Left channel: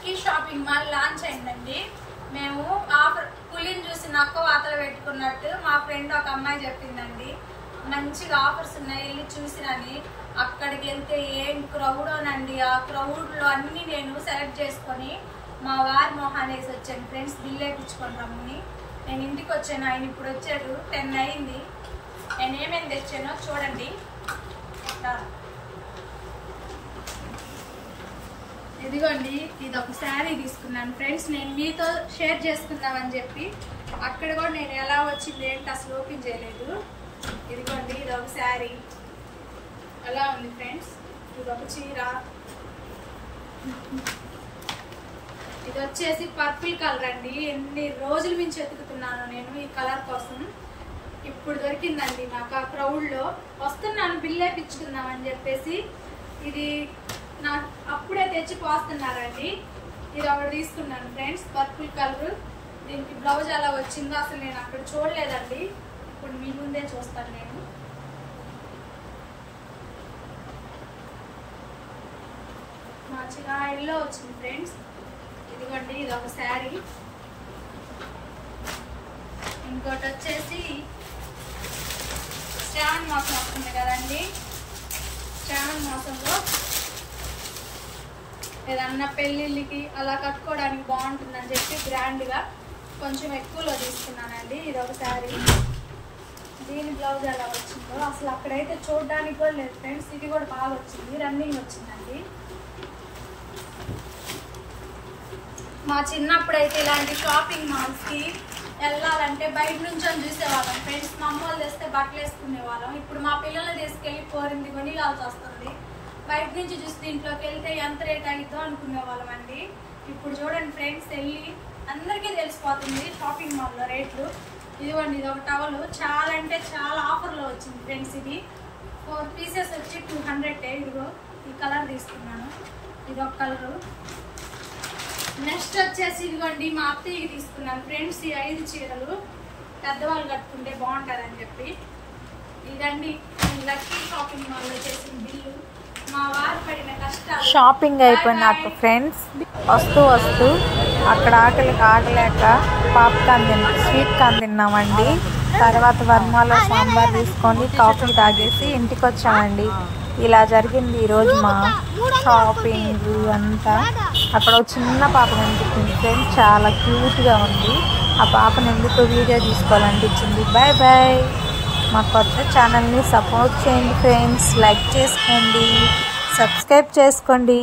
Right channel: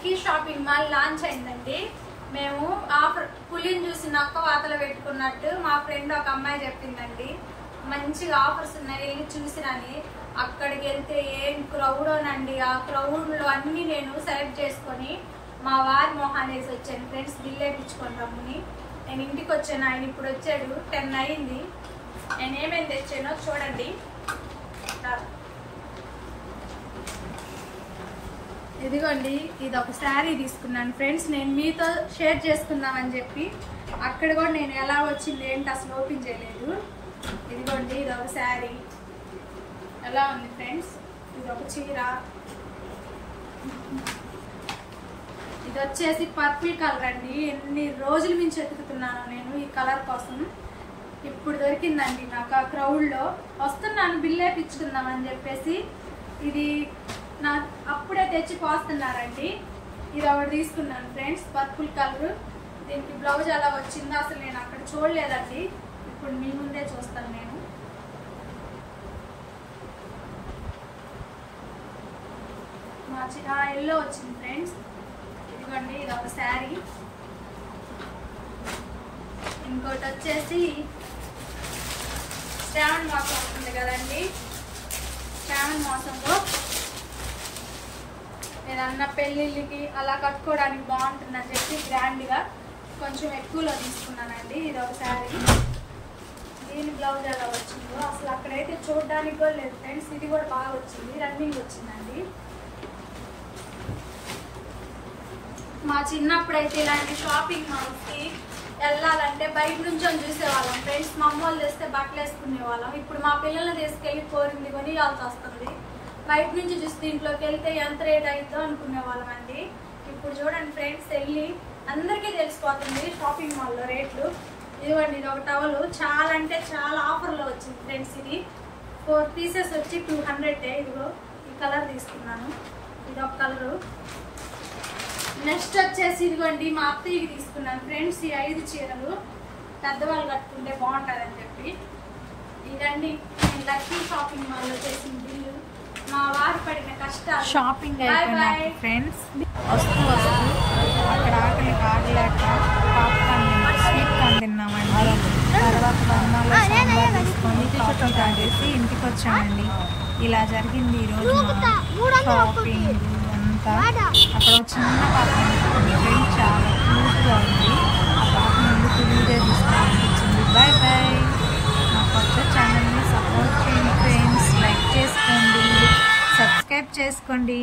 Lucky shopping mall launch అయిందండి. మేము offer పులిని చూసి నక్క వాతలు పెట్టుకున్నట్టు మా ఫ్రెండ్ ఒక అమ్మాయి చెప్పిందండి, మంచిగా ఆఫర్స్ ఉన్నాయి వెళ్ళి చూసినని. అక్కడికి వెళ్తే ఏం క్రౌడోనండి. ఆ క్రౌడ్ లో అన్ని నేను సెలెక్ట్ చేసుకొని మా వారి మొహాన్ని వేసి వచ్చాను ఫ్రెండ్స్, బిల్ వేయించుకుంటామని. నేను ఇంటికి వచ్చాను, ఆయన ఇప్పుడు వచ్చాడు, 10 అయింది. నేను ఏమేమి తెచ్చానో చూడండి. ఇదిగోండి, ఇది ఒక శారీ తీసుకున్నాను ఫ్రెండ్స్, నేను మీతో షేర్ చేసుకుందామని చెప్పి. అక్కడ కూడా నేను ఎలా వచ్చింది ఏంటి అసలు ఓపెన్ చేయలేదు. ఇదిగోండి, ఇది ఒక శారీ ఎలా ఉంది ఫ్రెండ్స్. ఇది ఒక చీర, ఇది వచ్చేసి పర్పుల్ కలర్ అండి. ఎన్ని రోజుల నుంచి వెతుకుతున్నాను నేను ఈ కలర్ కోసం, ఇప్పుడు దొరికిందండి నాకు. ఆ క్రౌడ్ లో వస్తున్నాను బిల్ వేయించుకుందామని చెప్పేసి ఇది నాకు అప్పుడే తెచ్చి పోస్తున్నారండి. ఇది ఒకటి తీసుకున్నాను ఫ్రెండ్స్, పర్పుల్ కలర్. దీనికి బ్లౌజ్ అలా వచ్చిందో అసలు నేను అక్కడ చూడలేదండి, ఇప్పుడు మీ ముందే చూస్తాను నేను. ఎల్లో వచ్చింది ఫ్రెండ్స్. ఇదిగోండి, ఇది ఒక శారీ. ఇంకోటి వచ్చేసి శ్రావణ మాసం వస్తుంది కదండి, శ్రావణ మాసంలో ఏదన్నా పెళ్ళిళ్ళకి అలా కట్టుకోవడానికి బాగుంటుందని చెప్పి గ్రాండ్ గా కొంచెం ఎక్కువలో తీసుకున్నానండి. ఇది ఒక శారీ. దీని బ్లౌజ్ ఎలా వచ్చిందో అసలు అక్కడైతే చూడడానికి కూడా లేదు ఫ్రెండ్స్. ఇది కూడా బాగా వచ్చింది, రన్నింగ్ వచ్చిందండి. మా చిన్నప్పుడైతే ఇలాంటి షాపింగ్ మాల్స్ కి వెళ్ళాలంటే బయట నుంచి అని చూసేవాళ్ళం ఫ్రెండ్స్. మా అమ్మ వాళ్ళు తెస్తే బట్టలు వేసుకునే వాళ్ళం. ఇప్పుడు మా పిల్లల్ని తీసుకెళ్లి పోరింది కొని కావాల్సి వస్తుంది. బయట నుంచి చూస్తే ఇంట్లోకి వెళ్తే ఎంత రేట్ అవుతుందో అనుకునే వాళ్ళం అండి. ఇప్పుడు చూడండి ఫ్రెండ్స్, వెళ్ళి అందరికీ తెలిసిపోతుంది షాపింగ్ మాల్ లో రేట్లు. ఇదిగోండి, ఇది ఒక టవల్, చాలా అంటే చాలా ఆఫర్ లో వచ్చింది ఫ్రెండ్స్. ఇది 4 పీసెస్ వచ్చి 200. ఇదిగో ఈ కలర్ తీసుకున్నాను, ఇది ఒక కలరు. నెక్స్ట్ వచ్చేసి ఇదిగోండి, మా అత్తయ్యకి తీసుకున్నాను ఫ్రెండ్స్ ఈ 5 చీరలు, పెద్దవాళ్ళు కట్టుకుంటే బాగుంటారని చెప్పి. ఇదండి నేను లక్కీ షాపింగ్ మాల్ లో చేసిన బిల్లు. మా వారు పడిన కష్టాలు. షాపింగ్ అయిపోయినాక ఫ్రెండ్స్ వస్తూ అక్కడ ఆగలేక పాప్కార్న్ స్వీట్ కార్న్ తిన్నామండి. తర్వాత వర్మాలో సాంబార్ తీసుకొని కాఫీ తాగేసి ఇంటికి వచ్చామండి. ఇలా జరిగింది ఈరోజు మా షాపింగ్ అంతా. అక్కడ చిన్న పాప కనిపించింది ఫ్రెండ్స్, చాలా క్యూట్గా ఉంది. ఆ పాపను ఎందుకు వీడియో తీసుకోవాలనిపించింది. Bye bye. మా కొత్త ఛానల్ని సపోర్ట్ చేయండి ఫ్రెండ్స్, లైక్ చేసుకోండి, సబ్స్క్రైబ్ చేసుకోండి.